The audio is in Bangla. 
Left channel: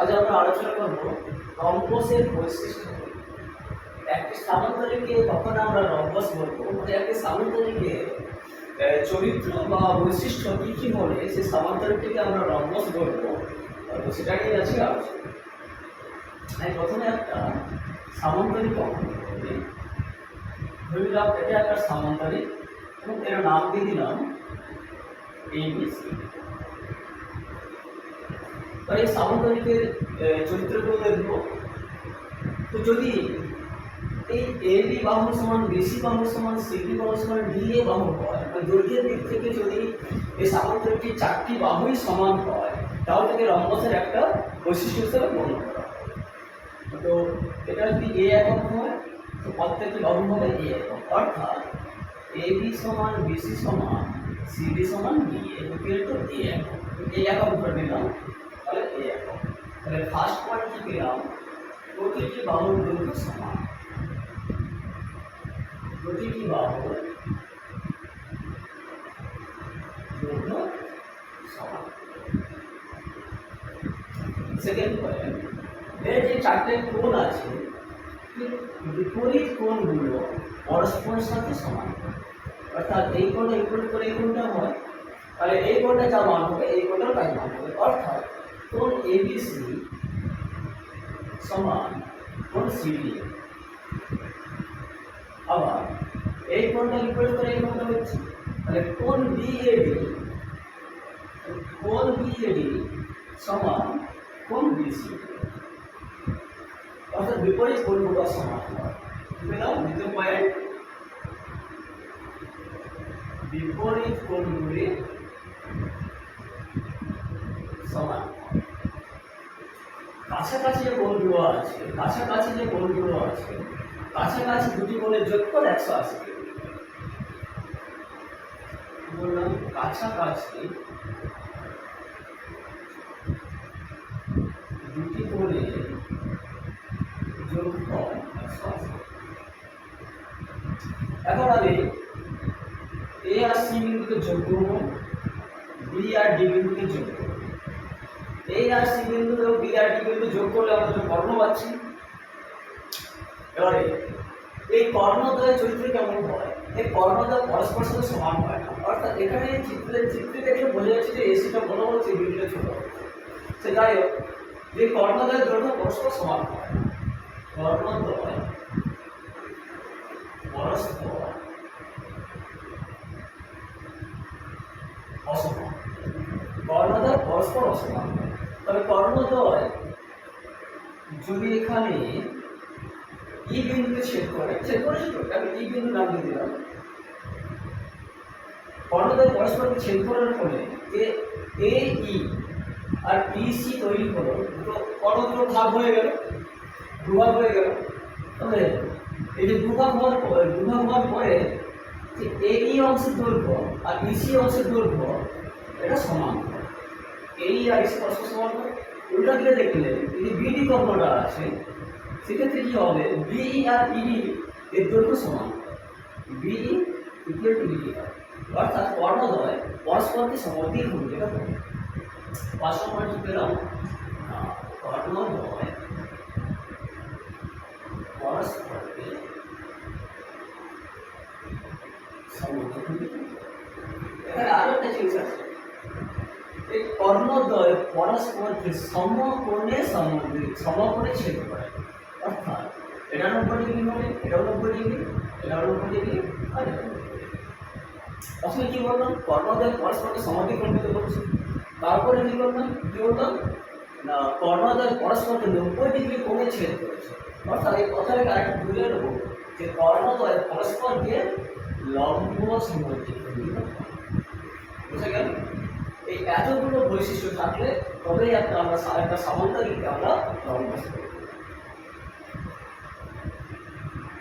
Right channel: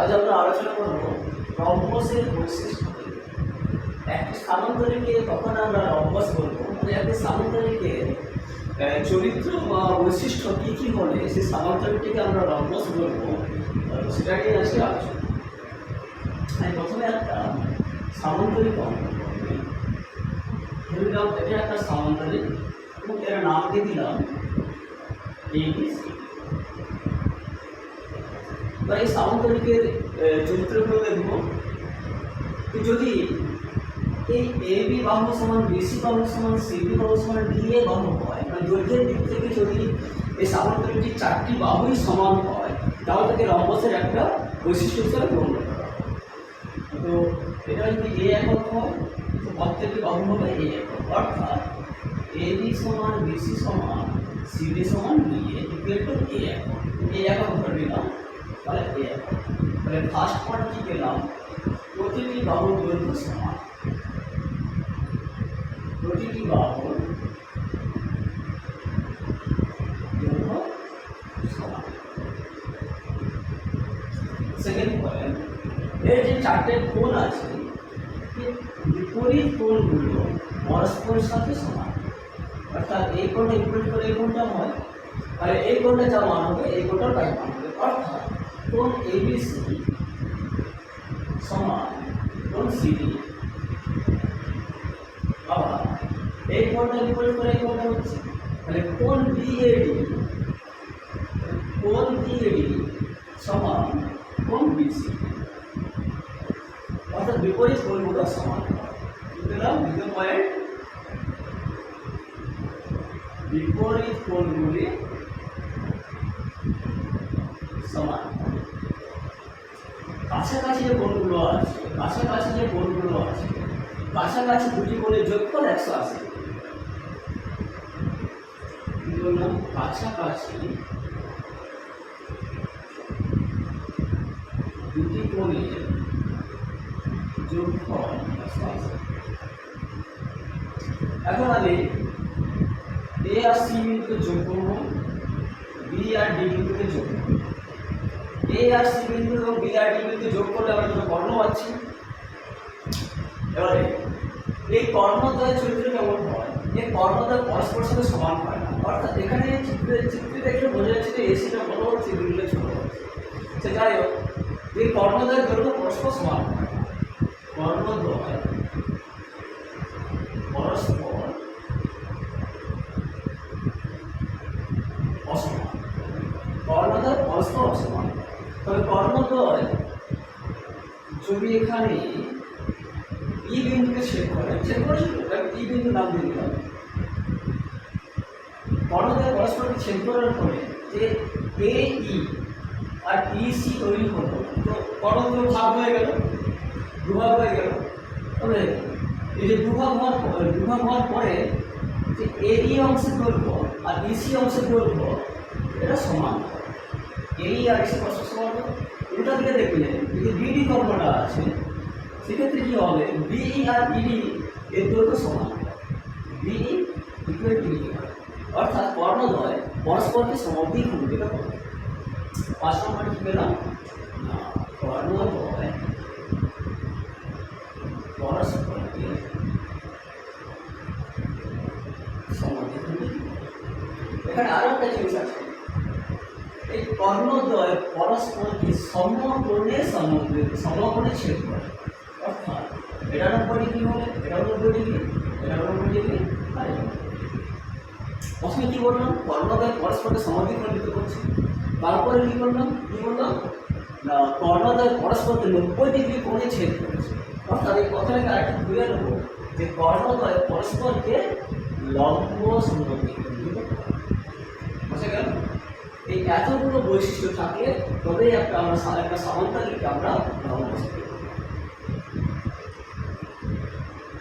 আজ আমরা আলোচনা করব রম্বসের বৈশিষ্ট্য। একটি স্থানান্তরিকে কখন আমরা রম্বস বলব মানে একটি স্থানান্তরিকের চরিত্র বা বৈশিষ্ট্য কী কী হলে সেই স্থানান্তরিকটিকে আমরা রম্বস বলব তো সেটা নিয়ে আজকে আলোচনা আমি প্রথমে একটা সামান্তরিক অঙ্কন নিলাম, এটা একটা সামান্তরিক, এবং এর নাম দিয়ে দিলাম এবার এই সামান্তরিকের আহ, চরিত্রগুলো দেখব। তো যদি এই এ বি বাহু সমান বিসি বাহু সমান সিবি বাহু সমান ডি এ বাহু হয় মানে দৈর্ঘ্যের দিক থেকে যদি এই সামান্তরিকটির চারটি বাহুই সমান হয় তাহলে তাকে রম্বসের একটা বৈশিষ্ট্য হিসেবে গণ্য করা তো এটা যদি এ একক হয়? তো প্রত্যেকটি বাহু হবে এ একক। অর্থাৎ এ বি সমান বিসি সমান সিডি সমান ডিএ ইকুয়াল টু এ একক। এ একক ধরে নিলাম। তাহলে এ, তাহলে ফার্স্ট পার্ট কি পেলাম? প্রতিটি বাহুর দৈর্ঘ্য সমান। প্রতিটি বাহুর দৈর্ঘ্য সমান। সেকেন্ড পয়েন্ট এর যে চারটে কোণ আছে বিপরীত কোণগুলো পরস্পরের সাথে সমান। অর্থাৎ এই কোণটা বিপরীত করে এই কোণটা হয় তাহলে এই কোণটা যা মান হবে, এই কোণটার তাই মান হবে। অর্থাৎ কোণ এবিসি সমান কোণ সিডি আবার এই কোণটা বিপরীত করে এই কোণটা হচ্ছে তাহলে কোণ বিএডি কোণ বিএডি সমান কোণ বিসি অর্থাৎ বিপরীত কোণগুলো সমান হয় বুঝলাম দ্বিতীয় পয়েন্ট বিপরীত কোণগুলি সমান হয়। কাছাকাছি যে কোণগুলো আছে, কাছাকাছি যে কোণগুলো আছে, কাছাকাছি দুটি কোণের যোগফল একশো আশি বললাম? কাছাকাছি দুটি কোণের যোগফল একশো আশি এখন আমি এ আর সি বিন্দুকে যোগ করব বি আর ডি বিন্দুকে যোগ করব। এ আর সি বিন্দু এবং বি আর ডি বিন্দু যোগ করলে আমরা দুটো কর্ণ পাচ্ছি। এবারে, এই কর্ণদ্বয়ের চরিত্র কেমন হয়? এই কর্ণদ্বয় পরস্পর সাথে সমান হয় না। অর্থাৎ এখানে চিত্রে চিত্রে দেখলে বোঝা যাচ্ছে যে এসিটা বড় হচ্ছে বিন্দুটা ছোট হচ্ছে। সে যাই হোক এই কর্ণদ্বয়ের দৈর্ঘ্য পরস্পর সমান হয়, কর্ণদ্বয় পরস্পর অসমান। কর্ণদ্বয় পরস্পর অসমান তবে কর্ণদ্বয় যদি এখানে ই বিন্দুকে ছেদ করে ছেদ করেছিল তাকে ই বিন্দু নাম দিয়ে দিলাম। কর্ণদ্বয় পরস্পরকে ছেদ করার ফলে যে এ ই আর ই সি তৈরি হলো, তো কর্ণদ্বয় ভাগ হয়ে গেল, দুভাগ হয়ে গেল। তবে এই যে দুভাগ হওয়ার পর- দুভাগ হওয়ার পরে যে এই অংশের দৈর্ঘ্য আর ইসি অংশের দৈর্ঘ্য, এটা সমান এই আর ইসি পরস্পর সমান হয়। উল্টা দিকে দেখলে যদি বিডি কর্মটা আছে, সেক্ষেত্রে কি হবে? বিই আর ইডি এর দৈর্ঘ্য সমান। বিই ইকুয়াল টু ইডি হয়। অর্থাৎ কর্ণদ্বয় পরস্পরকে সমদ্বিক ভূমিকা করে পাঁচ নম্বর কি পেলাম? কর্ণদ্বয় পরস্পরকে সমদ্বিক করে। এখানে আরও একটা জিনিস আছে। এই কর্ণদ্বয় পরস্পরকে সমকোণে সমদ্বিক সমকোণে ছেদ করে। অর্থাৎ এটা নব্বই ডিগ্রি হলে এটা নব্বই ডিগ্রি এটা নব্বই ডিগ্রি আর এটা 90 প্রথমে কি বললাম? কর্ণদ্বয় পরস্পরকে সমাধিখণ্ডিত করছে। তারপরে কি করলাম? কি বললাম? না, কর্ণদ্বয় পরস্পরকে নব্বই ডিগ্রি কোণে ছেদ করেছে। অর্থাৎ এই কথাটাকে আরেকটু বুঝে নেব যে কর্ণদ্বয় পরস্পরকে লম্ব সমদ্বিখণ্ডিত করে। বুঝে গেল? এই এতগুলো বৈশিষ্ট্য থাকলে তবেই একটা আমরা একটা সামান্তরিককে আমরা রম্বস বলি